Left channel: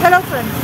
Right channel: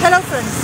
Hello friends,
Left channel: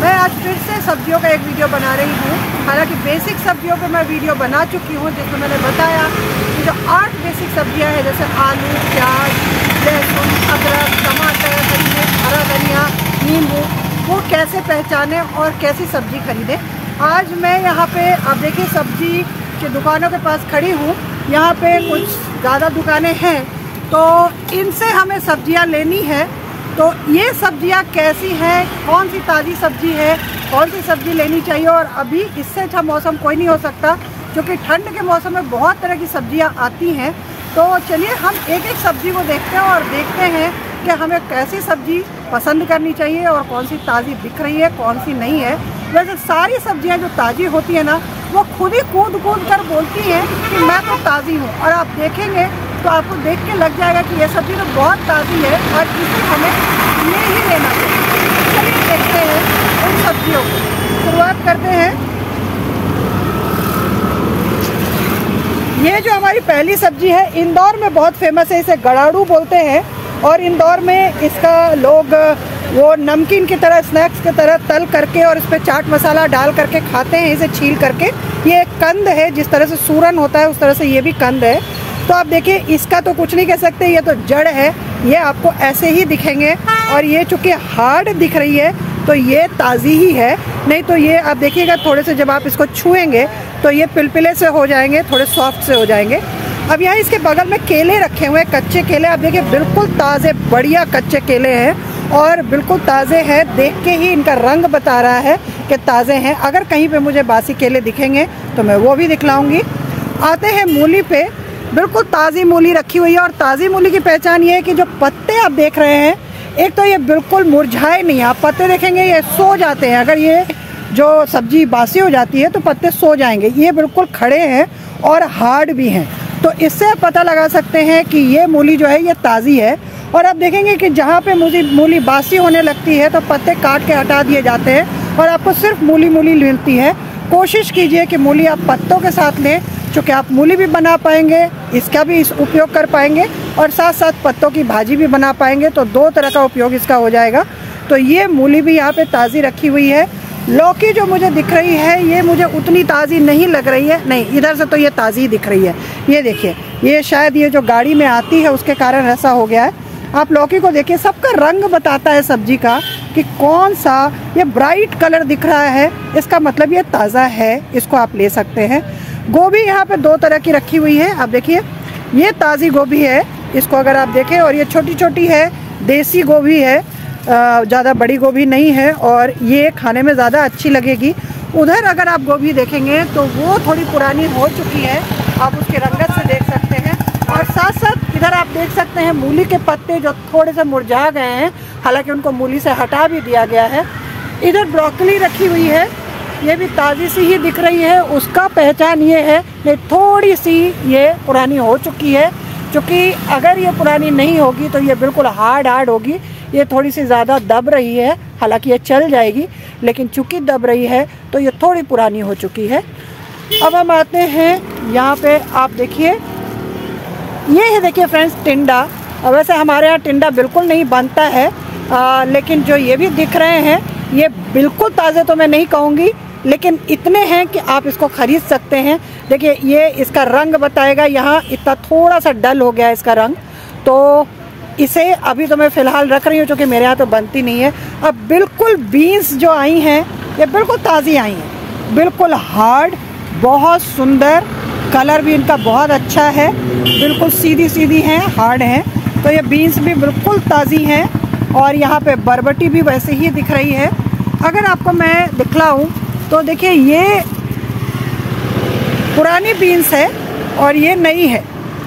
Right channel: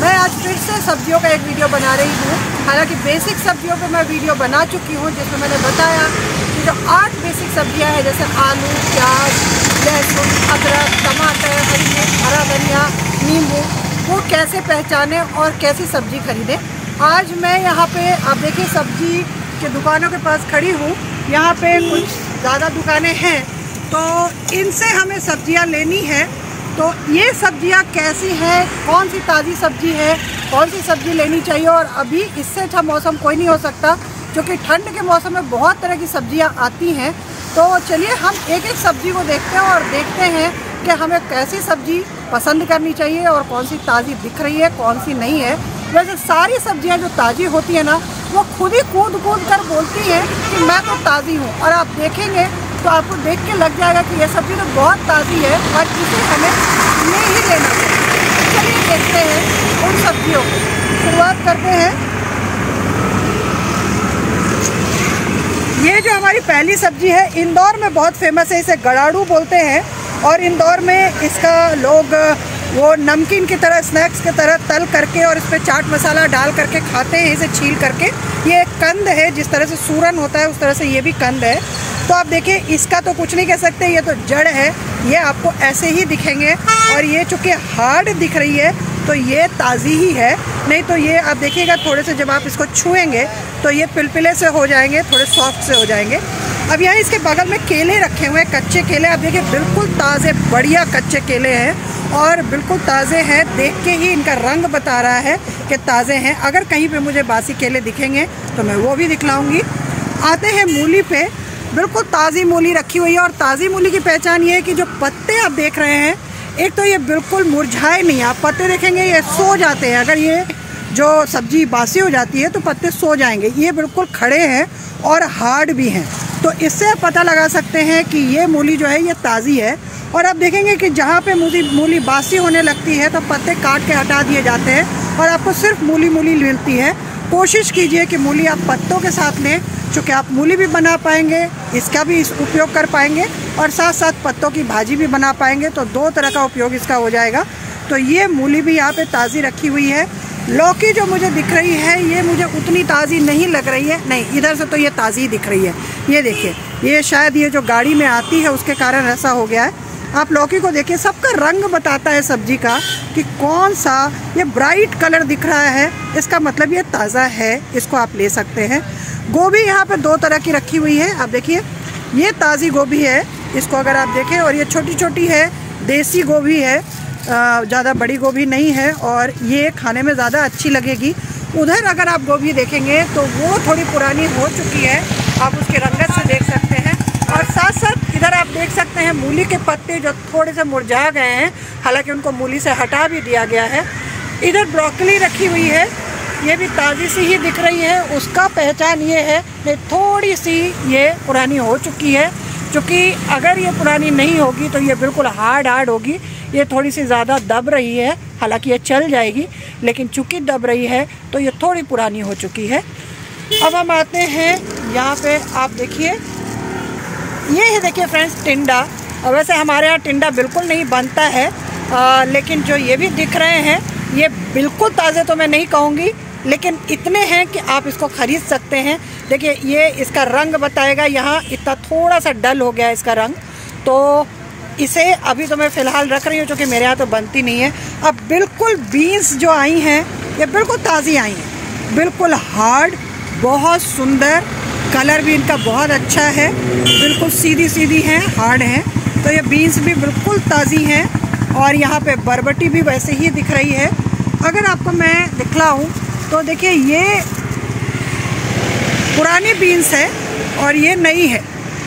मैं आज फिर से सब्जियों का एक वीडियो बना रही हूँ। हालांकि बेसिक सब्जियों पे मैं वीडियो बना चुकी हूँ, जिसमें मैंने बताया कि जो 8 बेसिक सब्जियाँ हैं जैसे आलू, प्याज, लहसुन, अदरक, टमाटर, हरी मिर्च, हरा धनिया, नींबू, वो कैसे पहचानें और कैसी सब्जी खरीदें। आज मैं यहाँ पे आप देखिए सब्जी की दुकानों के पास खड़ी हूँ। यहाँ पे कुछ ज़्यादा दुकानें हैं, तो इनसे हमें सब्जियाँ लेनी है। तो ये सब्जियां कैसी है, कौन सी ताज़ी सब्जी है, कौन सी सब्जी लेनी चाहिए। और अभी इससे अच्छा मौसम कोई नहीं हो सकता, क्योंकि ठंड के मौसम में बहुत तरह की सब्जियां आती हैं। तो चलिए हम एक एक सब्जी को देखते हैं और देखते हैं कि हमें कैसी सब्जी पसंद करनी चाहिए और कौन सी ताज़ी दिख रही है, कौन सी नहीं है। वैसे सारी सब्जियां जो ताज़ी होती है ना, वो खुद ही कूद कूद कर बोलती हैं कि मैं तो ताज़ी हूँ। और आप देखेंगे तो आपको देख के लग जाएगा कि ये सब्ज़ी तो बहुत ताज़ी है और इसे हमें ले ही लेना चाहिए। चलिए देखते हैं उन सब्जियों को। शुरुआत करते हैं। ये जो हमारी पहली सब्जी है, इंदौर में बहुत फेमस है, इसे गड़ाड़ू बोलते हैं। और इंदौर में इसका लोग वो नमकीन की तरह, स्नैक्स की तरह तल करके और इस पर चाट मसाला डाल करके खाते हैं, इसे छील करके। ये एक कंद है, जिस तरह से सूरन होता है उस तरह से ये भी कंद है। तो आप देखिए, इसका तो कुछ नहीं कह सकते, ये तो जड़ है, ये आपको ऐसे ही दिखेंगे। और ये चूंकि हार्ड दिख रही है तो ये ताज़ी ही है, नहीं तो ये आप देखिएगा थोड़े से जब आप इसको छुएंगे तो ये पिलपिले से हो जाएंगे, थोड़े सॉफ्ट से हो जाएंगे। अब यहाँ इसके बगल में केले रखे हुए हैं, कच्चे केले। आप देखिए बिल्कुल ताज़े बढ़िया कच्चे केले हैं और बिल्कुल ताज़े हैं। देख के ही इनका रंग बता रहा है कि ताज़े हैं। अगर कहीं पे मुझे बासी केले दिखेंगे तो मैं वो भी दिखलाऊंगी। आते हैं मूली पे। बिल्कुल ताज़ी मूली रखी हुई है। और ताज़ी मूली की पहचान ये है कि जो पत्ते आप देख रहे हैं, एक तो ये बिल्कुल मुरझाए नहीं। आप पत्ते देखेंगे ये सो जाते हैं। अगर ये जो सब्जी बासी हो जाती है तो पत्ते सो जाएंगे। ये बिल्कुल खड़े हैं और हार्ड भी हैं, तो इससे आप पता लगा सकते हैं कि ये मूली जो है ये ताज़ी है। और आप देखेंगे कि जहाँ पे मूली बासी होने लगती है तो पत्ते काट के हटा दिए जाते हैं और आपको सिर्फ मूली मिलती है। कोशिश कीजिए कि मूली आप पत्तों के साथ लें, चूँकि आप मूली भी बना पाएंगे, इसका भी उपयोग कर पाएंगे और साथ साथ पत्तों की भाजी भी बना पाएंगे। तो 2 तरह का उपयोग इसका हो जाएगा। तो ये मूली भी यहाँ पे ताज़ी रखी हुई है। लौकी जो मुझे दिख रही है, ये मुझे उतनी ताज़ी नहीं लग रही है। नहीं, इधर से तो ये ताज़ी दिख रही है। ये देखिए, ये शायद ये जो गाड़ी में आती है उसके कारण ऐसा हो गया है। आप लौकी को देखिए, सबका रंग बताता है सब्जी का कि कौन सा। ये ब्राइट कलर दिख रहा है, इसका मतलब ये ताज़ा है, इसको आप ले सकते हैं। गोभी यहाँ पे 2 तरह की रखी हुई है। आप देखिए, ये ताज़ी गोभी है, इसको अगर आप देखें। और ये छोटी छोटी है, देसी गोभी है, ज़्यादा बड़ी गोभी नहीं है और ये खाने में ज़्यादा अच्छी लगेगी। उधर अगर आप गोभी देखेंगे तो वो थोड़ी पुरानी हो चुकी है, आप उसके रंगत से देख सकते हैं। और साथ साथ इधर आप देख सकते हैं मूली के पत्ते जो थोड़े से मुरझा गए हैं, हालांकि उनको मूली से हटा भी दिया गया है। इधर ब्रोकली रखी हुई है, ये भी ताज़ी सी ही दिख रही है। उसका पहचान ये है कि थोड़ी सी ये पुरानी हो चुकी है, क्योंकि अगर ये पुरानी नहीं होगी तो ये बिल्कुल हार्ड होगी। ये थोड़ी सी ज़्यादा दब रही है, हालांकि ये चल जाएगी, लेकिन चूँकि दब रही है तो ये थोड़ी पुरानी हो चुकी है। अब हम आते हैं यहाँ पे, आप देखिए, ये है देखिए फ्रेंड्स टिंडा। वैसे हमारे यहाँ टिंडा बिल्कुल नहीं बनता है, लेकिन जो ये भी दिख रहे हैं ये बिल्कुल ताज़े तो मैं नहीं कहूँगी, लेकिन इतने हैं कि आप इसको खरीद सकते हैं। देखिए, ये इसका रंग बताएगा। यहाँ इतना थोड़ा सा डल हो गया है इसका रंग, तो इसे अभी तो मैं फ़िलहाल रख रही हूँ, क्योंकि मेरे यहाँ तो बनती नहीं है। अब बिल्कुल बीन्स जो आई हैं, ये बिल्कुल ताज़ी आई हैं, बिल्कुल हार्ड, बहुत सुंदर, कलर भी इनका बहुत अच्छा है, बिल्कुल सीधी हैं, हार्ड हैं। तो ये बीन्स भी बिल्कुल ताज़ी हैं। और यहाँ पे बरबटी भी वैसे ही दिख रही है। अगर आपको मैं दिखलाऊं तो देखिए, ये पुरानी बीन्स है और ये नई है।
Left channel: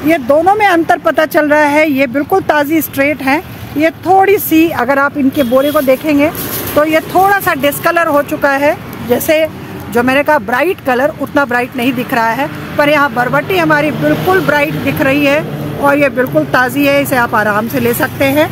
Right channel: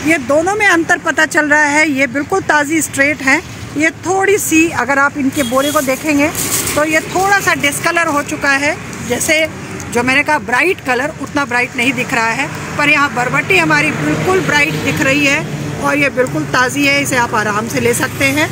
ये दोनों में अंतर पता चल रहा है। ये बिल्कुल ताज़ी स्ट्रेट हैं। ये थोड़ी सी, अगर आप इनके बोरे को देखेंगे तो ये थोड़ा सा डिस्कलर हो चुका है। जैसे जो मैंने कहा ब्राइट कलर, उतना ब्राइट नहीं दिख रहा है। पर यहाँ बरबटी हमारी बिल्कुल ब्राइट दिख रही है और ये बिल्कुल ताज़ी है, इसे आप आराम से ले सकते हैं।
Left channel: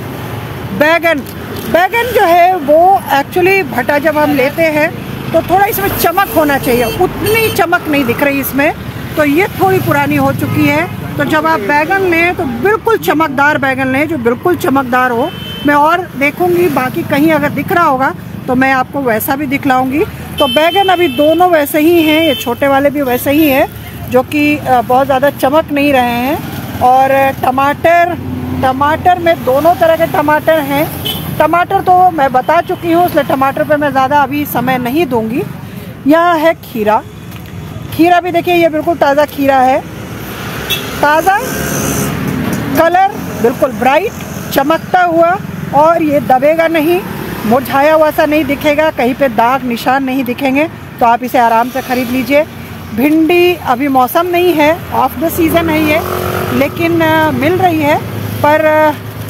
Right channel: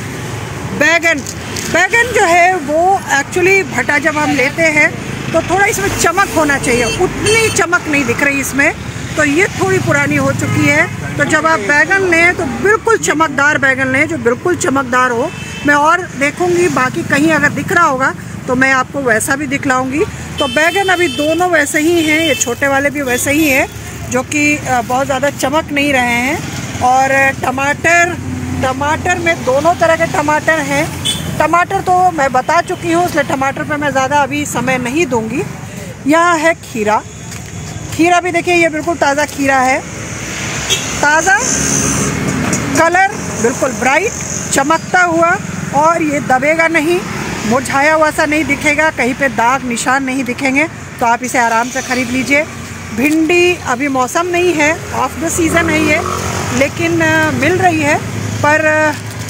बैगन जो है वो एक्चुअली भटा जब हम लेते हैं तो थोड़ा इसमें चमक होना चाहिए, उतनी चमक नहीं दिख रही इसमें, तो ये थोड़ी पुरानी हो चुकी है। तो जब आप बैगन लें तो बिल्कुल चमकदार बैगन लें, जो बिल्कुल चमकदार हो, मैं और देखूंगी, बाकी कहीं अगर दिख रहा होगा तो मैं आपको वैसा भी दिखलाऊंगी। तो बैगन अभी दोनों वैसे ही हैं, ये छोटे वाले भी वैसे ही हैं, जो कि बहुत ज़्यादा चमक नहीं रहे हैं। और टमाटर में दोनों तरह के टमाटर हैं। टमाटर तो मैं बता चुकी हूँ, इसलिए टमाटर पे मैं ज़्यादा अभी समय नहीं दूंगी। यहाँ है खीरा। खीरा भी देखिए, ये बिल्कुल ताज़ा खीरा है, ताज़ा, कलर बिल्कुल ब्राइट, चमकता हुआ, और ये दबेगा नहीं, मुरझाया हुआ सा नहीं दिखेगा, कहीं पे दाग निशान नहीं दिखेंगे। तो आप इसे आराम से खरीद लीजिए। भिंडी अभी मौसम नहीं है, ऑफ द सीज़न है ये, लेकिन मिल रही है। पर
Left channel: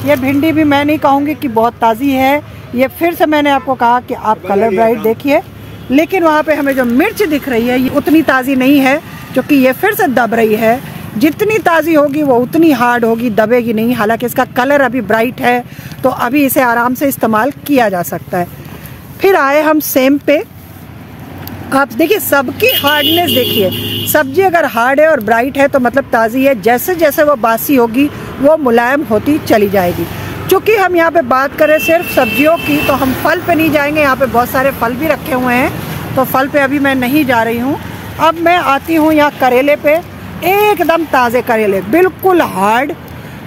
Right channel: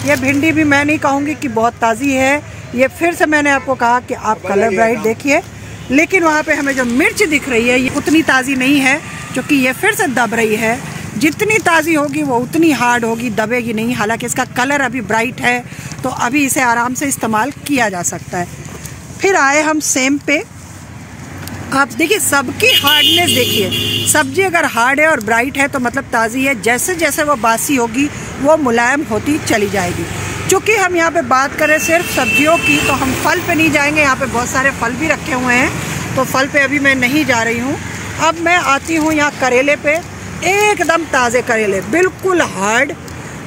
ये भिंडी भी मैं नहीं कहूँगी कि बहुत ताज़ी है। ये फिर से मैंने आपको कहा कि आप कलर ब्राइट देखिए, लेकिन वहाँ पे हमें जो मिर्च दिख रही है ये उतनी ताज़ी नहीं है, क्योंकि ये फिर से दब रही है। जितनी ताज़ी होगी वो उतनी हार्ड होगी, दबेगी नहीं। हालांकि इसका कलर अभी ब्राइट है, तो अभी इसे आराम से इस्तेमाल किया जा सकता है। फिर आए हम सेम पे। आप देखिए सबकी हार्डनेस देखिए, सब्जी अगर हार्ड है और ब्राइट है तो मतलब ताज़ी है। जैसे जैसे वो बासी होगी वो मुलायम होती चली जाएगी। चूँकि हम यहाँ पे बात करें सिर्फ सब्जियों की, तो हम फल पे नहीं जाएंगे। यहाँ पे बहुत सारे फल भी रखे हुए हैं, तो फल पे अभी मैं नहीं जा रही हूँ। अब मैं आती हूँ यहाँ करेले पे। एकदम ताज़े करेले, बिल्कुल हार्ड,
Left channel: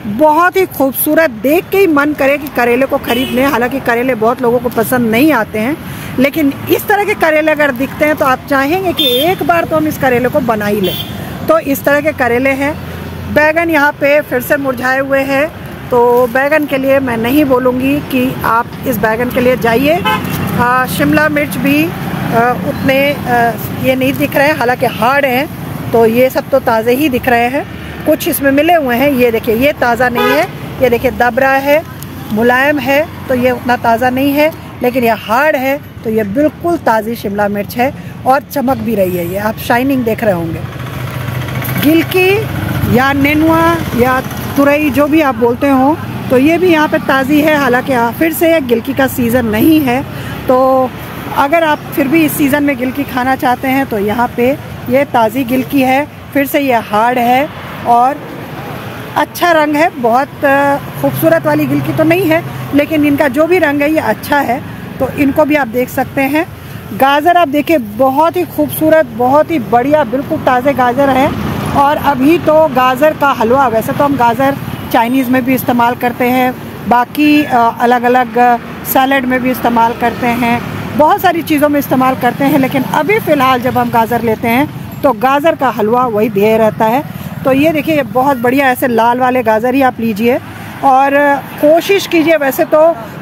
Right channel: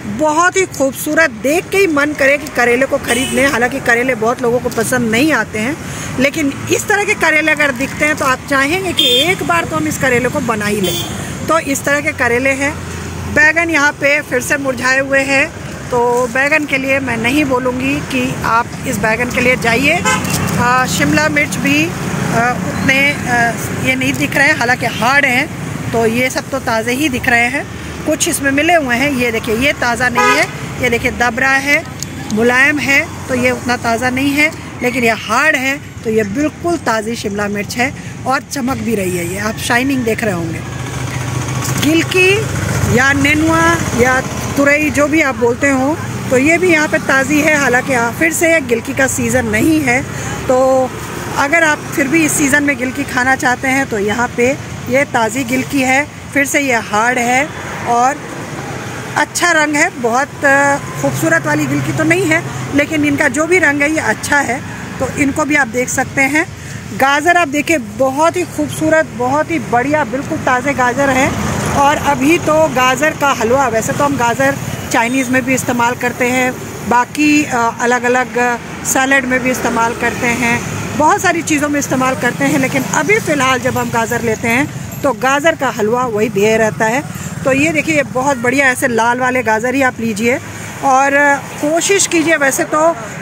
बहुत ही खूबसूरत, देख के ही मन करे कि करेले को खरीद लें। हालांकि करेले बहुत लोगों को पसंद नहीं आते हैं, लेकिन इस तरह के करेले अगर दिखते हैं तो आप चाहेंगे कि एक बार तो हम इस करेले को बना ही लें। तो इस तरह के करेले हैं। बैगन यहाँ पे फिर से मुरझाए हुए हैं, तो बैगन के लिए मैं नहीं बोलूँगी कि आप इस बैगन के लिए जाइए। शिमला मिर्च भी उतने ये नहीं दिख रहे हैं, हालांकि हार्ड हैं, तो ये सब तो ताज़े ही दिख रहे हैं। कुछ इसमें मिले हुए हैं, ये देखिए ये ताज़ा नहीं है, ये देखिए दब रहा है, मुलायम है, तो ये उतना ताज़ा नहीं है। लेकिन ये हार्ड है, तो ये बिल्कुल ताज़ी शिमला मिर्च है और चमक भी रही है। ये आप शाइनिंग देख रहे होंगे। गिलकी या नेनुआ या तुरई जो भी आप बोलते हो, तो ये भी यहाँ पे ताज़ी है। हालांकि फिर से गिलकी का सीज़न नहीं है, तो अगर आप फिर भी इस सीज़न में गिलकी खाना चाहते हैं तो यहाँ पे ये ताज़ी गिलकी है। फिर से ये हार्ड है और अच्छा रंग है, बहुत खूबसूरत वाली गिलकी तो नहीं है, लेकिन इनका जो भी रंग है ये अच्छा है, तो इनको भी आप देख सकते हैं। गाजर आप देखिए, बहुत ही खूबसूरत, बहुत ही बढ़िया, बिल्कुल ताज़े गाजर है। और अभी तो गाजर का हलवा, वैसे तो हम गाजर चाइनीज़ में भी इस्तेमाल करते हैं, बाकी अलग अलग सैलड में भी इस्तेमाल करते हैं, बहुत सारी चीज़ों में इस्तेमाल करते हैं, लेकिन अभी फ़िलहाल जब हम गाजर लेते हैं तो गाजर का हलवा वही ध्येय रहता है। तो ये देखिए, ये बहुत बढ़िया, ऐसे लाल वाले गाजर ही आप लीजिए और कोशिश कीजिए। वैसे तो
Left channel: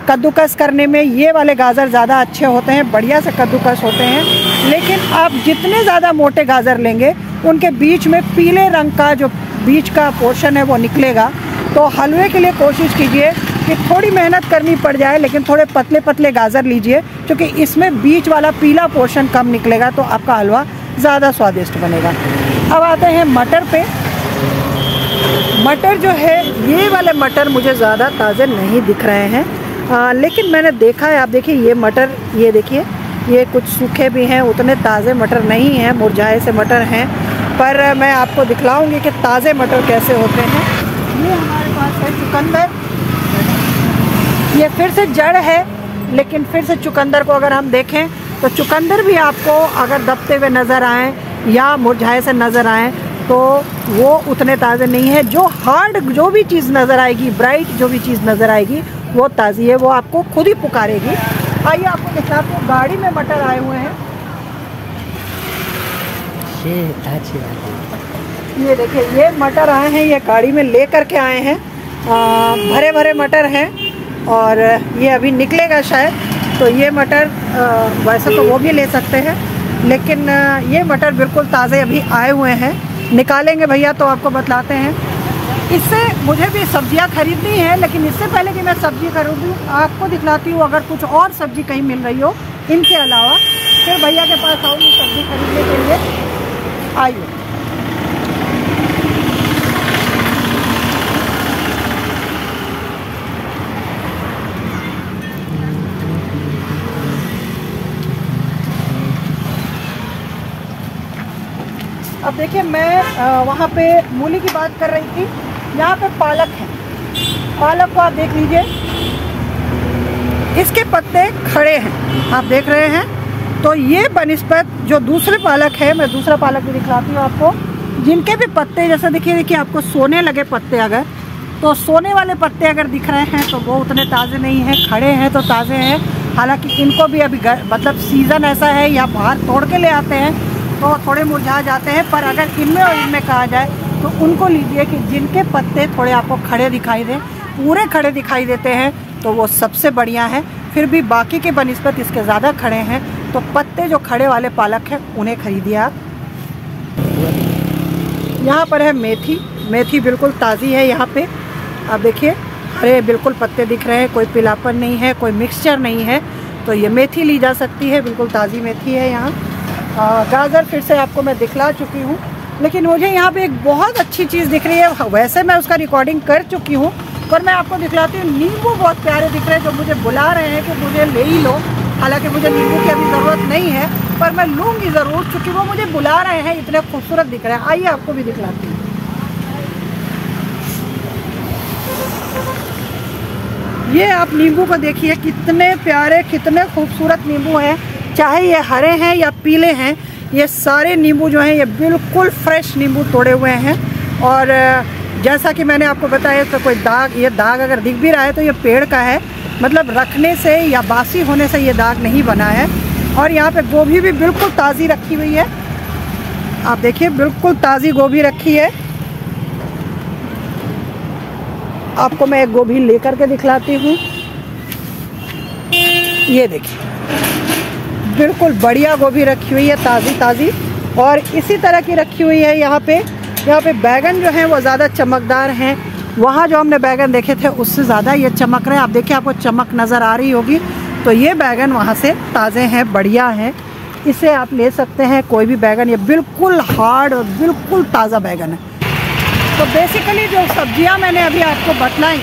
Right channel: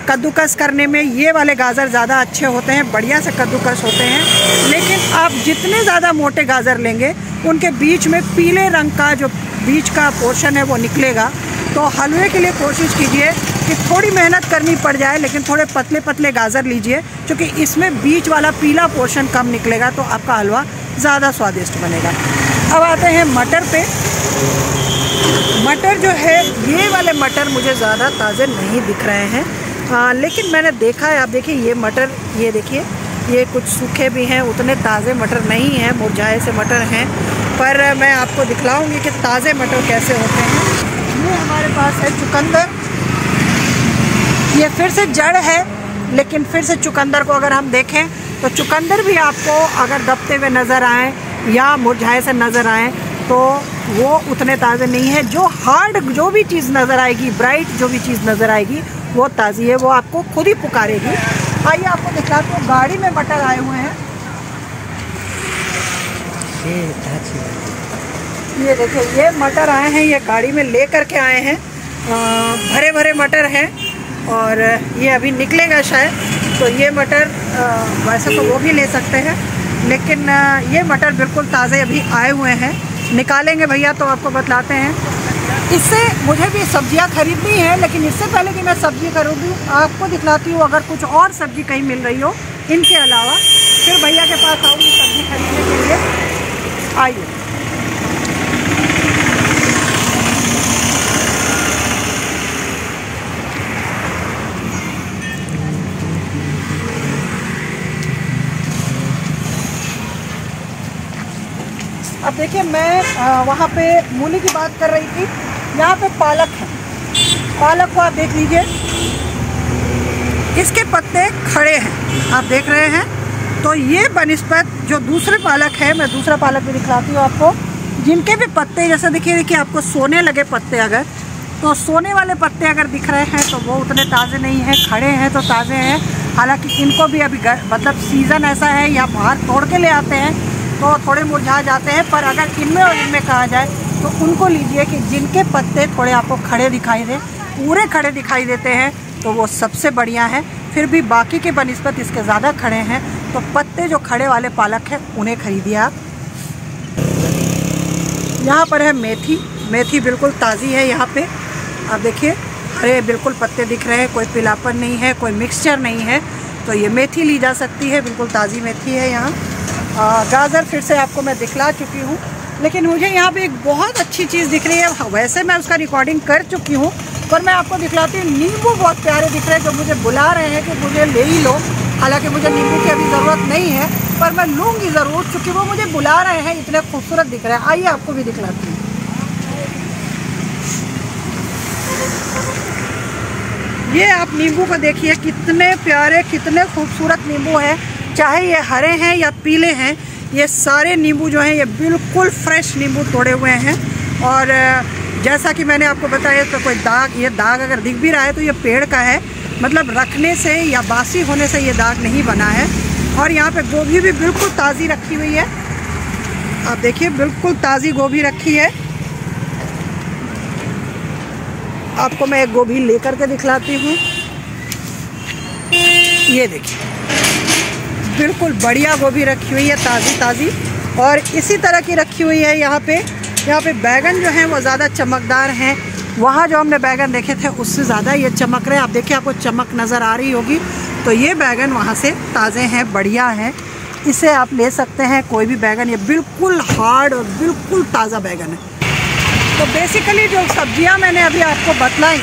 कद्दूकस करने में ये वाले गाजर ज़्यादा अच्छे होते हैं, बढ़िया से कद्दूकस होते हैं, लेकिन आप जितने ज़्यादा मोटे गाजर लेंगे उनके बीच में पीले रंग का जो बीच का पोर्शन है वो निकलेगा। तो हलवे के लिए कोशिश कीजिए कि थोड़ी मेहनत करनी पड़ जाए, लेकिन थोड़े पतले पतले गाजर लीजिए, क्योंकि इसमें बीच वाला पीला पोर्शन कम निकलेगा, तो आपका हलवा ज़्यादा स्वादिष्ट बनेगा। अब आते हैं मटर पे। मटर जो है, ये वाले मटर मुझे ज़्यादा ताज़े नहीं दिख रहे हैं, लेकिन मैंने देखा है, आप देखिए ये मटर, ये देखिए ये कुछ सूखे भी हैं, उतने ताज़े मटर नहीं हैं, मुरझाए से मटर हैं। पर मैं आपको दिखलाऊंगी कि ताज़े मटर कैसे होते हैं। ये हमारे पास है चुकंदर, ये फिर से जड़ है, लेकिन फिर से चुकंदर को अगर हम देखें तो चुकंदर भी आपको अगर दबते हुए नज़र आए या मुरझाए से नज़र आए तो वो उतने ताज़े नहीं है। जो हार्ड जो भी चीज़ नज़र आएगी, ब्राइट जो भी चीज़ नज़र आएगी वो ताज़ी है, वो आपको खुद ही पुकारेगी। आइए आपको दिखाते हैं, गाड़ी में मटर आए हुए हैं। ये देखिए, ये मटर आए हैं, ये गाड़ी में ले करके आए हैं, भरे भरे मटर हैं और ये अभी निकलेगा शायद। तो ये मटर वैसे तो वो भी ले सकते हैं, लेकिन ये मटर बिल्कुल ताज़े अभी आए हुए हैं। निकालेंगे भैया तो आपको बतलाते हैं। इससे मुझे भी सब्जियां खरीदनी है, लेकिन इससे पहले कि मैं सब्जी खरीदूँ आपको दिखलाती हूँ, अगर कुछ और सब्जी कहीं मिल रही हो इनके अलावा, फिर भैया के पास आऊँगी सब्जी खरीदने के लिए। आइए, अब देखिए, मैं वहाँ पे मूली की बात कर रही थी, यहाँ पे पालक है। पालक को आप देख लीजिए, इसके पत्ते खड़े हैं, आप देख रहे हैं। तो ये बनिस्बत जो दूसरे पालक है, मैं दूसरा पालक भी दिखलाती हूँ आपको, जिनके भी पत्ते जैसे देखिए आपको सोने लगे पत्ते, अगर तो सोने वाले पत्ते अगर दिख रहे हैं तो वो उतने ताज़े नहीं हैं, खड़े हैं तो ताज़े हैं। हालांकि इनको भी अभी मतलब सीज़न ऐसा है या बाहर तोड़ के ले आते हैं तो थोड़े मुरझा जाते हैं, पर अगर इनमें और इनमें कहा जाए तो उनको लीजिए कि जिनके पत्ते थोड़े आपको खड़े दिखाई दें, पूरे खड़े दिखाई देते हैं, तो वो सबसे बढ़िया है। फिर भी बाकी के बनिस्बत इसके ज़्यादा खड़े हैं, तो पत्ते जो खड़े वाले पालक हैं उन्हें खरीदिए आप। यहाँ पर है मेथी, मेथी बिल्कुल ताज़ी है यहाँ पे, आप देखिए हरे बिल्कुल पत्ते दिख रहे हैं, कोई पीलापन नहीं है, कोई मिक्सचर नहीं है, तो ये मेथी ली जा सकती है, बिल्कुल ताज़ी मेथी है यहाँ। गाजर फिर से आपको मैं दिखला चुकी हूँ, लेकिन मुझे यहाँ पे एक बहुत अच्छी चीज़ दिख रही है। वैसे मैं उसका रिकॉर्डिंग कर चुकी हूँ, पर मैं आपको दिखलाती हूँ। नींबू बहुत प्यारे दिख रहे हैं जो मुझे बुला रहे हैं कि मुझे ले ही लो। हालांकि मुझे नींबू की अभी ज़रूरत नहीं है, पर मैं लूँगी ज़रूर, क्योंकि वो मुझे बुला रहे हैं, इतने खूबसूरत दिख रहे हैं। आइए आपको भी दिखलाती हूँ। ये आप नींबू को देखिए, कितने प्यारे कितने खूबसूरत नींबू हैं, चाहे ये हरे हैं या पीले हैं। ये सारे नींबू जो हैं ये बिल्कुल फ्रेश नींबू तोड़े हुए हैं। और जैसा कि मैंने आपको बताया, तो कोई दाग, ये दाग अगर दिख भी रहा है तो ये पेड़ का है, मतलब रखने से या बासी होने से ये दाग नहीं बना है। और यहाँ पे गोभी भी बिल्कुल ताज़ी रखी हुई है, आप देखिए बिल्कुल ताज़ी गोभी रखी है। आपको मैं एक गोभी लेकर के दिखलाती हूँ, ये देखिए बिल्कुल बढ़िया गोभी रखी हुई है, ताज़ी ताज़ी। और इसी तरह की रखी हुई है यहाँ पे बैगन जो है वो ज़्यादा चमकदार हैं। वहाँ जो हमने बैगन देखे थे उससे ज़्यादा ये चमक रहे हैं, आप देखिए आपको चमक नज़र आ रही होगी। तो ये बैगन वहाँ से ताज़े हैं, बढ़िया हैं, इसे आप ले सकते हैं कोई भी बैगन। ये बिल्कुल हार्ड और बिल्कुल ताज़ा बैगन है। तो बेसिकली जो सब्जियां मैंने अभी आपको बतलाई,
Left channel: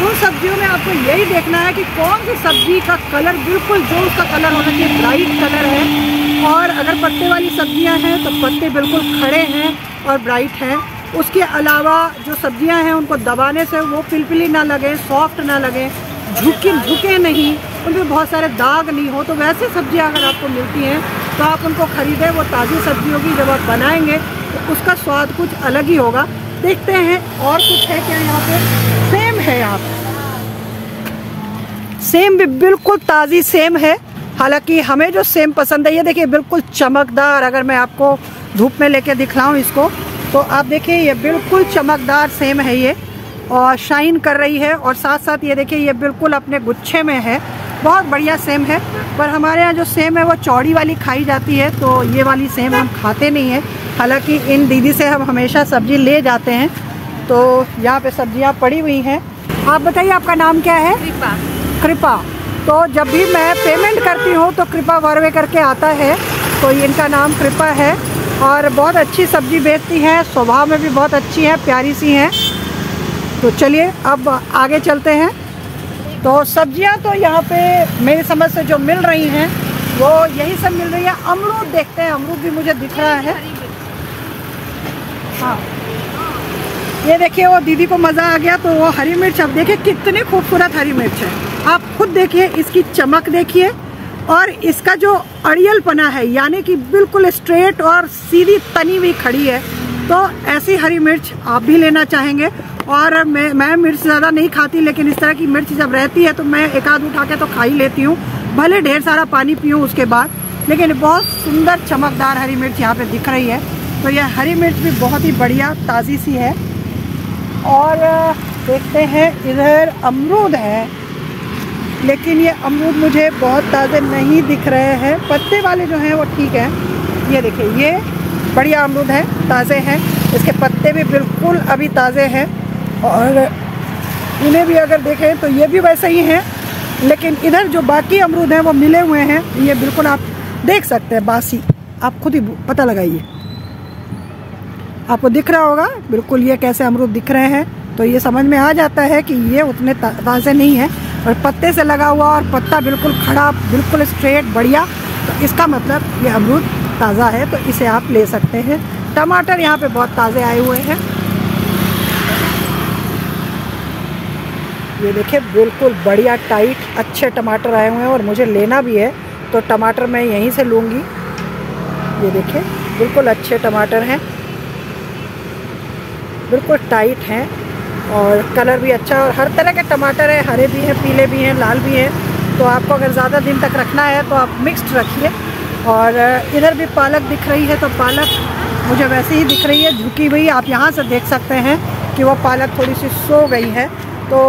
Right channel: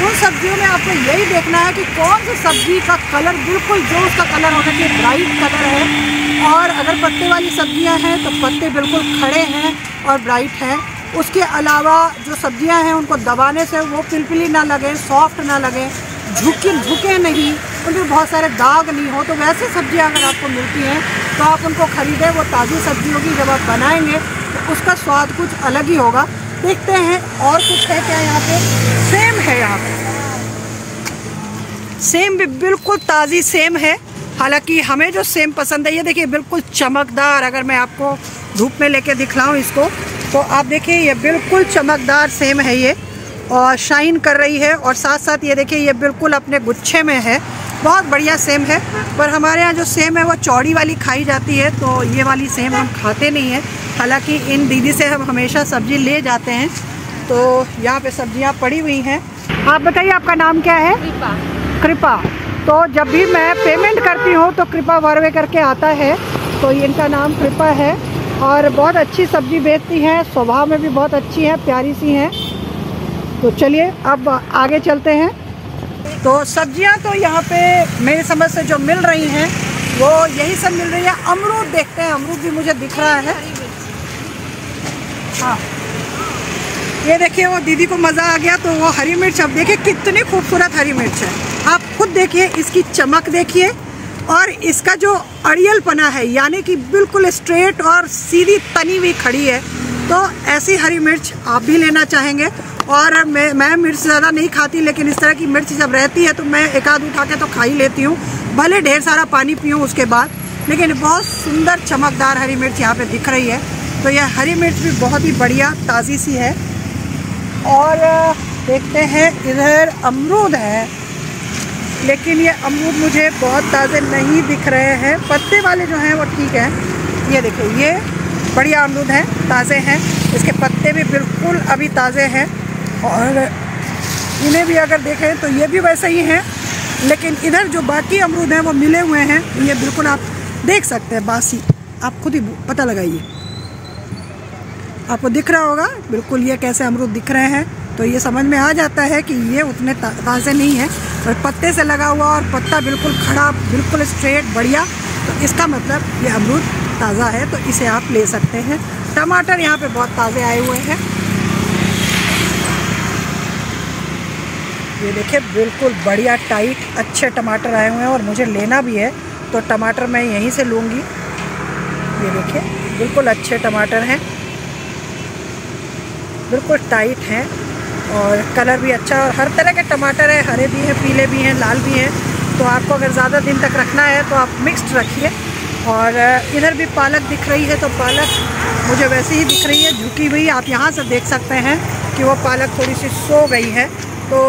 उन सब्जियों में आपको यही देखना है कि कौन सी सब्जी का कलर बिल्कुल जो उसका कलर होना चाहिए ब्राइट कलर है। और अगर पत्ते वाली सब्जियां हैं तो पत्ते बिल्कुल खड़े हैं और ब्राइट हैं। उसके अलावा जो सब्जियां हैं उनको दबाने से वो पिलपिली ना लगे, सॉफ्ट ना लगे, झुके नहीं, उनमें बहुत सारे दाग नहीं हो। तो वैसे सब्जियाँ अगर आपको मिलती हैं तो आप उनको खरीदें, वो ताज़ी सब्जी होगी। जब आप बनाएंगे तो उसका स्वाद कुछ अलग ही होगा। देखते हैं और कुछ है क्या यहाँ पे। सेम है, यहाँ पे सेम भी बिल्कुल ताज़ी सेम है। हालांकि हमें जो सेम पसंद है, ये देखिए बिल्कुल चमकदार। अगर मैं आपको धूप में लेके दिखलाऊं इसको तो आप देखिए ये बिल्कुल चमकदार सेम है ये, और शाइन कर रही है। और साथ साथ ये देखिए ये बिल्कुल अपने गुच्छे में है, बहुत बढ़िया सेम है। पर हमारे यहाँ जो सेम है वो चौड़ी वाली खाई जाती है, तो ये वाली सेम हम खाते नहीं हैं। हालांकि इन दीदी से हम हमेशा सब्जी ले जाते हैं। तो यहाँ पे सब्जियाँ पड़ी हुई हैं। आप बताइए आपका नाम क्या है? कृपा। कृपा। तो जब भी मैं पेमेंट करती हूँ तो कृपा वर्वे करके आता है, तो इनका नाम कृपा है। और बहुत अच्छी सब्जी बेचती हैं, स्वभाव में भी बहुत अच्छी है, प्यारी सी हैं। तो चलिए अब आगे चलते हैं। तो सब्जियां तो यहाँ पे मेरी समझ से जो मिल रही हैं वो यही सब मिल रही है। अमरूद देखते हैं, अमरूद भी मुझे दिख रहा है। हाँ, ये देखिए वो दीदी को मज़ा आ गया, तो वो हरी मिर्च, अब देखिए कितनी खूबसूरत हरी मिर्च है। आप खुद देखिए, इसकी चमक देखिए, और इसका जो अड़ियलपना है, यानी कि बिल्कुल स्ट्रेट और सीधी तनी हुई खड़ी है। तो ऐसी हरी मिर्च आप भी लेना चाहेंगे। और मैं मिर्च ज़्यादा नहीं खाती, लेकिन इस तरह की मिर्च जब रहती है तो मैं एक आध उठा के तो खा ही लेती हूँ, भले ढेर सारा पानी पीऊँ उसके बाद। लेकिन बहुत सुंदर चमकदार हरी मिर्च यहाँ पे दिख रही है। तो यह हरी मिर्च भी बहुत ही बढ़िया ताज़ी सी है। और देखते हैं, इधर अमरूद है, लेकिन ये अमरूद मुझे बहुत ताज़े नहीं दिख रहे हैं। पत्ते वाले जो हैं वो ठीक है। ये देखिए ये बढ़िया अमरूद है, ताज़े हैं, इसके पत्ते भी बिल्कुल अभी ताज़े हैं। और इन्हें भी अगर देखें तो ये भी वैसे ही हैं। लेकिन इधर जो बाकी अमरूद हैं वो मिले हुए हैं, ये बिल्कुल आप देख सकते हैं बासी। आप खुद ही पता लगाइए, आपको दिख रहा होगा बिल्कुल ये कैसे अमरूद दिख रहे हैं। तो ये समझ में आ जाता है कि ये उतने ताज़े नहीं हैं। और पत्ते से लगा हुआ और पत्ता बिल्कुल खड़ा, बिल्कुल स्ट्रेट, बढ़िया, तो इसका मतलब ये अमरूद ताज़ा है, तो इसे आप ले सकते हैं। टमाटर यहाँ पे बहुत ताज़े आए हुए हैं। ये देखिए बिल्कुल बढ़िया टाइट अच्छे टमाटर आए हुए हैं, और मुझे लेना भी है तो टमाटर मैं यहीं से लूँगी। ये देखिए बिल्कुल अच्छे टमाटर हैं, बिल्कुल टाइट हैं, और कलर भी अच्छा, और हर तरह के टमाटर है, हरे भी हैं, पीले भी हैं, लाल भी हैं। तो आपको अगर ज़्यादा दिन तक रखना है तो आप मिक्स्ड रखिए। और इधर भी पालक दिख रही है, तो पालक मुझे वैसे ही दिख रही है झुकी हुई। आप यहाँ से देख सकते हैं कि वो पालक थोड़ी सी सो गई है, तो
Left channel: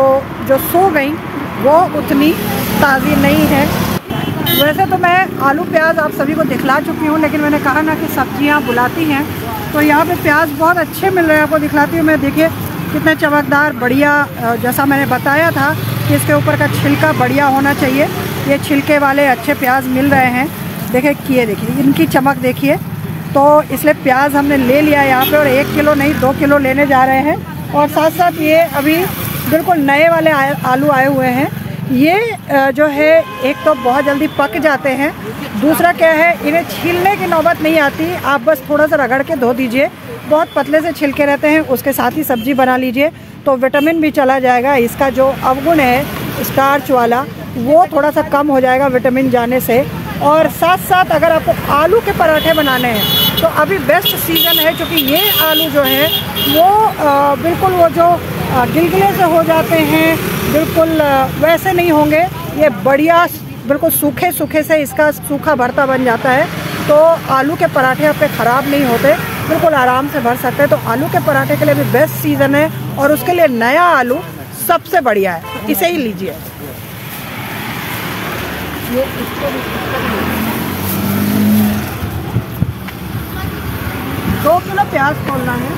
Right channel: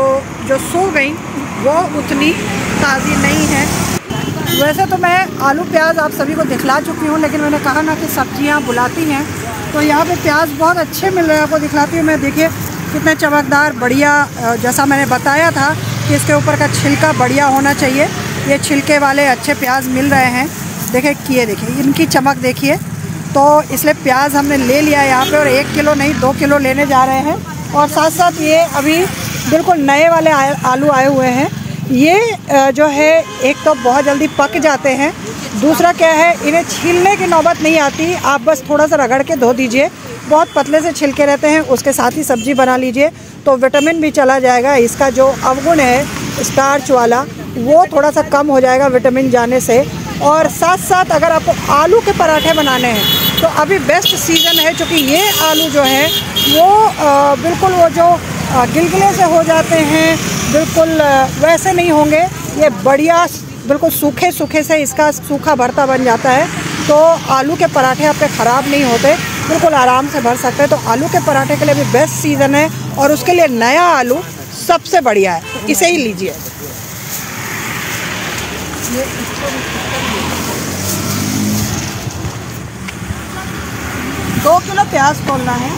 जो सो गई वो उतनी ताज़ी नहीं है। वैसे तो मैं आलू प्याज आप सभी को दिखला चुकी हूँ, लेकिन मैंने कहा ना कि सब्जियाँ बुलाती हैं, तो यहाँ पे प्याज बहुत अच्छे मिल रहे हैं, आपको दिखलाती हूँ मैं। देखिए कितने चमकदार बढ़िया, जैसा मैंने बताया था कि इसके ऊपर का छिलका बढ़िया होना चाहिए, ये छिलके वाले अच्छे प्याज मिल रहे हैं। देखिए किए, देखिए इनकी चमक देखिए। तो इसलिए प्याज हमने ले लिया यहाँ पे, और 1 किलो नहीं 2 किलो लेने जा रहे हैं। और साथ साथ ये अभी बिल्कुल नए वाले आलू आए हुए हैं। ये जो है एक तो बहुत जल्दी पक जाते हैं, दूसरा क्या है इन्हें छीलने की नौबत नहीं आती, आप बस थोड़ा सा रगड़ के धो दीजिए, बहुत पतले से छिलके रहते हैं, उसके साथ ही सब्जी बना लीजिए तो विटामिन भी चला जाएगा। इसका जो अवगुण है स्टार्च वाला वो थोड़ा सा कम हो जाएगा विटामिन जाने से। और साथ साथ अगर आपको आलू के पराठे बनाने हैं तो अभी बेस्ट सीज़न है, क्योंकि ये आलू जो है वो बिल्कुल वो जो गिलगिले से हो जाते हैं बिल्कुल वैसे नहीं होंगे, ये बढ़िया बिल्कुल सूखे सूखे से इसका सूखा भरता बन जाता है। तो आलू के पराठे आपके ख़राब नहीं होते, बिल्कुल आराम से भर सकते हैं। तो आलू के पराठे के लिए भी बेस्ट सीज़न है, और उसके लिए नया आलू सबसे बढ़िया है, इसे ही लीजिए। ये 2 किलो प्याज तोलना है।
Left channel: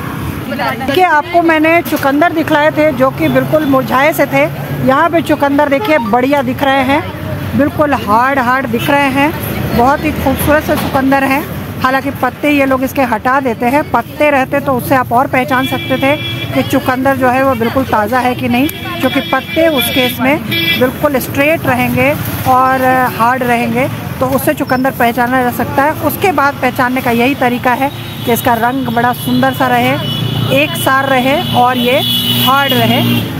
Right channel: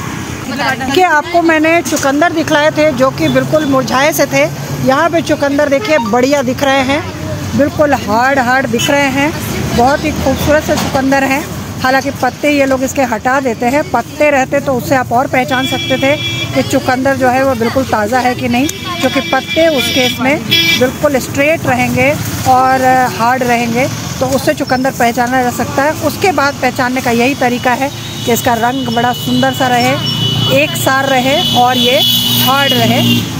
कि आपको मैंने चुकंदर दिखलाए थे जो कि बिल्कुल मुरझाए से थे, यहाँ पे चुकंदर देखिए बढ़िया दिख रहे हैं, बिल्कुल हार्ड दिख रहे हैं, बहुत ही खूबसूरत से चुकंदर हैं। हालांकि पत्ते ये लोग इसके हटा देते हैं, पत्ते रहते तो उससे आप और पहचान सकते थे कि चुकंदर जो है वो बिल्कुल ताज़ा है कि नहीं, क्योंकि पत्ते उसके इसमें बिल्कुल स्ट्रेट रहेंगे और हार्ड रहेंगे, तो उससे चुकंदर पहचाना जा सकता है। उसके बाद पहचानने का यही तरीका है कि इसका रंग बड़ा सुंदर सा रहे, एक सार रहे और ये हार्ड रहे।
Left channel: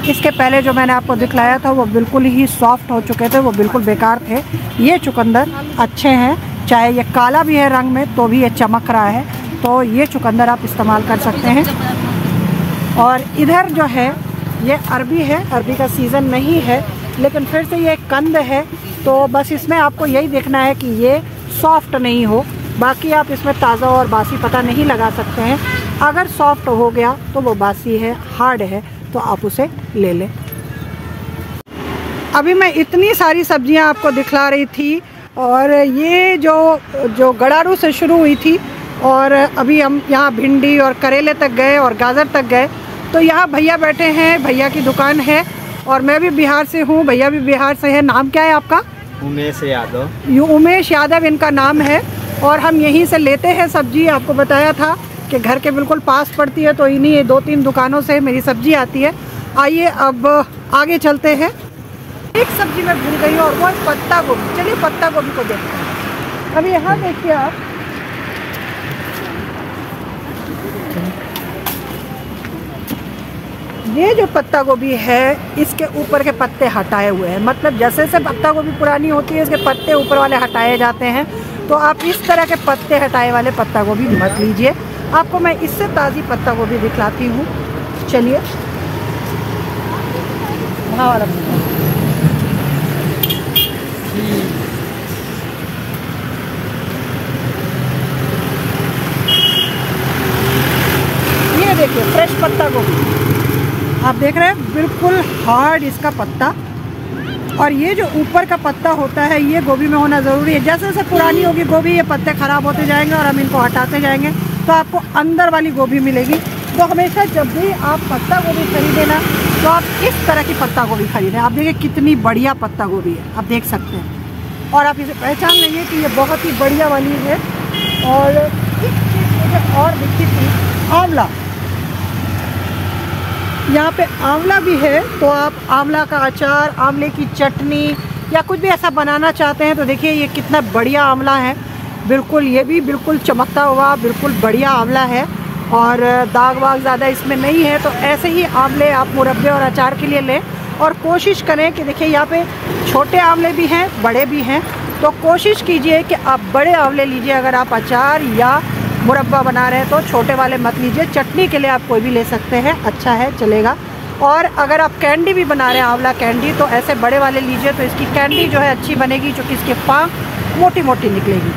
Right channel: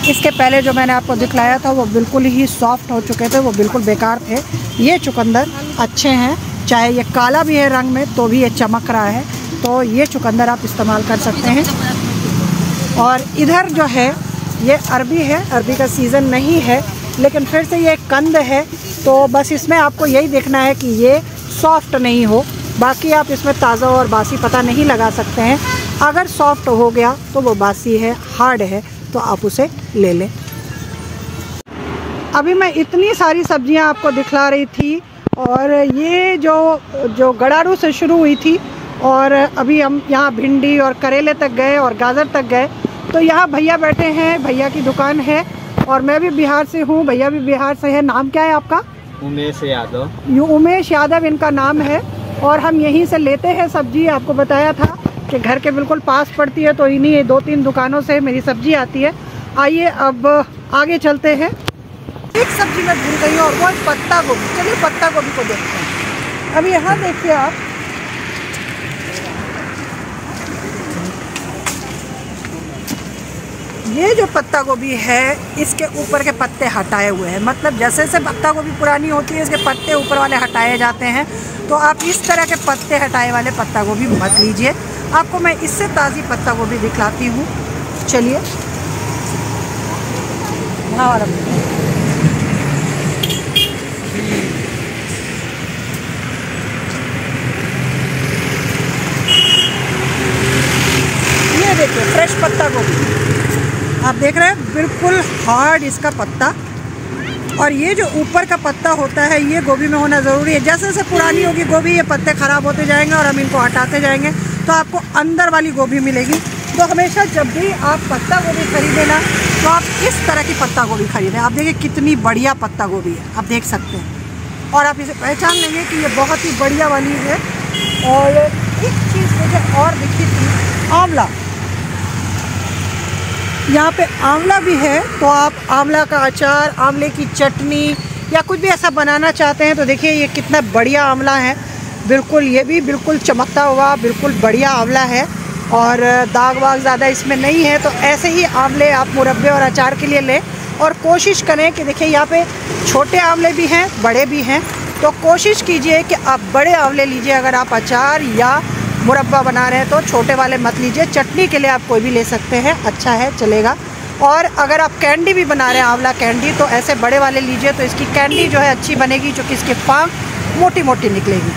इसके पहले जो मैंने आपको दिखलाया था वो बिल्कुल ही सॉफ्ट हो चुके थे, वो बिल्कुल बेकार थे। ये चुकंदर अच्छे हैं, चाहे ये काला भी है रंग में तो भी ये चमक रहा है, तो ये चुकंदर आप इस्तेमाल कर सकते हैं। और इधर जो है ये अरबी है, अरबी का सीज़न नहीं है, लेकिन फिर से ये कंद है, तो बस इसमें आपको यही देखना है कि ये सॉफ्ट नहीं हो, बाकी आप इसमें ताज़ा और बासी पता नहीं लगा सकते हैं। अगर सॉफ्ट हो गया तो वो बासी है, हार्ड है तो आप उसे ले लें। अभी मैं इतनी सारी सब्जियां आपको दिखला रही थी, और ये जो गड़ारू से शुरू हुई थी, और अभी हम यहाँ भिंडी और करेले तक गए और गाजर तक गए। तो यहाँ भैया बैठे हैं, भैया की दुकान है, और मैं भी बिहार से हूँ, भैया भी बिहार से है। नाम क्या है आपका? उमेश यादव। उमेश यादव इनका नाम है, और हम यहीं से लेते हैं सब्जी। आपको बताया था कि घर के बिल्कुल पास पड़ती है, तो इन्हीं 2-3 दुकानों से मेरी सब्जी आती है। आइए अब आगे चलते हैं। एक सब्जी मैं भूल गई हूँ, और वो है पत्ता गोभी। चलिए पत्ता गोभी को देखते हैं। अब यहाँ देखिए आप, ये जो पत्ता गोभी है इसके ऊपर के पत्ते हटाए हुए हैं, मतलब जैसे जैसे पत्ता गोभी पुरानी होती है इसके पत्ते ऊपर वाले हटाए जाते हैं। तो आप इस तरह के पत्ते हटाए वाले पत्ता गोभी मत लीजिए। आपको मैं इससे ताज़ी पत्ता गोभी दिखलाती हूँ। चलिए ये देखिए फ्रेश पत्ता गोभी आप देख रहे हैं, बिल्कुल हार्ड इसका पत्ता। और ये जो ऊपर का पत्ता होता है ये गोभी में होना ज़रूरी है। जैसे जैसे पुरानी होगी गोभी ये पत्ते ख़राब होते जाएंगे और हम इनको हटाते जाएंगे, तो आपको अंदर वाली गोभी मिलेगी। तो हमेशा जब भी आप पत्ता गोभी खरीदें ना, तो आप इस तरह की पत्ता गोभी खरीदें। आप देखिए कितनी बढ़िया पत्ता गोभी है, आप देख सकते हैं, और आप इसे पहचान लेंगे कि ये बहुत ही बढ़िया वाली है। और एक चीज़ मुझे और दिखी थी, आंवला। यहाँ पे आंवला भी है, तो आप आंवला का अचार, आंवले की चटनी या कुछ भी ऐसा बनाना चाहते हैं तो देखिए ये कितना बढ़िया आंवला है, बिल्कुल ये भी बिल्कुल चमकता हुआ बिल्कुल बढ़िया आंवला है, और दाग वाग ज़्यादा इसमें नहीं है। तो ऐसे ही आंवले आप मुरब्बे और अचार के लिए लें, और कोशिश करें कि देखिए यहाँ पे छोटे आंवले भी हैं, बड़े भी हैं, तो कोशिश कीजिए कि आप बड़े आंवले लीजिए। अगर आप अचार या मुरब्बा बना रहे हैं तो छोटे वाले मत लीजिए। चटनी के लिए आप कोई भी ले सकते हैं, अच्छा है, चलेगा। और अगर आप कैंडी भी बना रहे हैं, आंवला कैंडी, तो ऐसे बड़े वाले लीजिए, तो इसकी कैंडी जो है अच्छी बनेगी, जो कि इसकी पांख मोटी मोटी निकलेगी।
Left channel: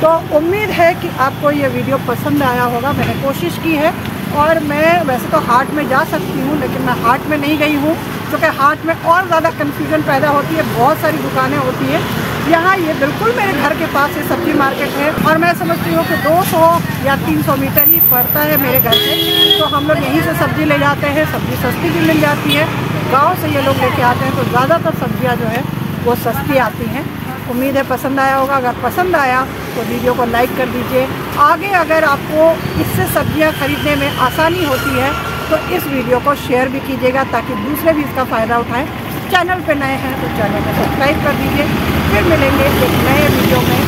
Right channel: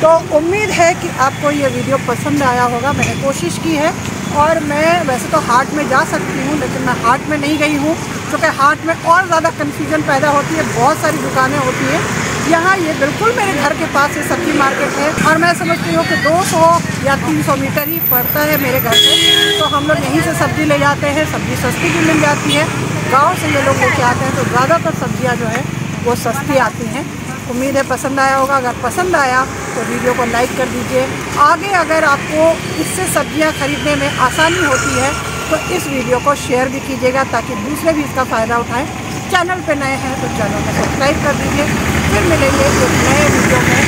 तो उम्मीद है कि आपको ये वीडियो पसंद आया होगा। मैंने कोशिश की है, और मैं वैसे तो हाट में जा सकती हूँ, लेकिन मैं हाट में नहीं गई हूँ, क्योंकि हाट में और ज़्यादा कन्फ्यूजन पैदा होती है, बहुत सारी दुकानें होती हैं। यहाँ ये बिल्कुल मेरे घर के पास ये सब्जी मार्केट है, और मैं समझती हूँ कि 200 या 300 मीटर ही पड़ता है मेरे घर से, तो हम लोग यहीं से सब्ज़ी ले जाते हैं। सब्ज़ी सस्ती भी मिल जाती है, गांव से ये लोग लेके आते हैं, तो ज़्यादातर सब्जियाँ जो है वो सस्ती आती हैं। उम्मीद है पसंद आया होगा। अगर पसंद आया तो वीडियो को लाइक कर दीजिए। आगे अगर आपको इससे सब्जियाँ खरीदने में आसानी होती है तो इस वीडियो को शेयर भी कीजिएगा, ताकि दूसरे भी इसका फ़ायदा उठाएं। चैनल पे नए हैं तो चैनल को सब्सक्राइब कर दीजिए। फिर मिलेंगे एक नए वीडियो में,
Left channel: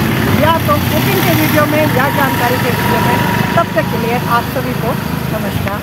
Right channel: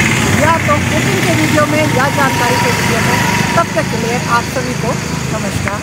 या तो कुकिंग के वीडियो में या जानकारी के वीडियो में। तब तक के लिए आप सभी को नमस्कार।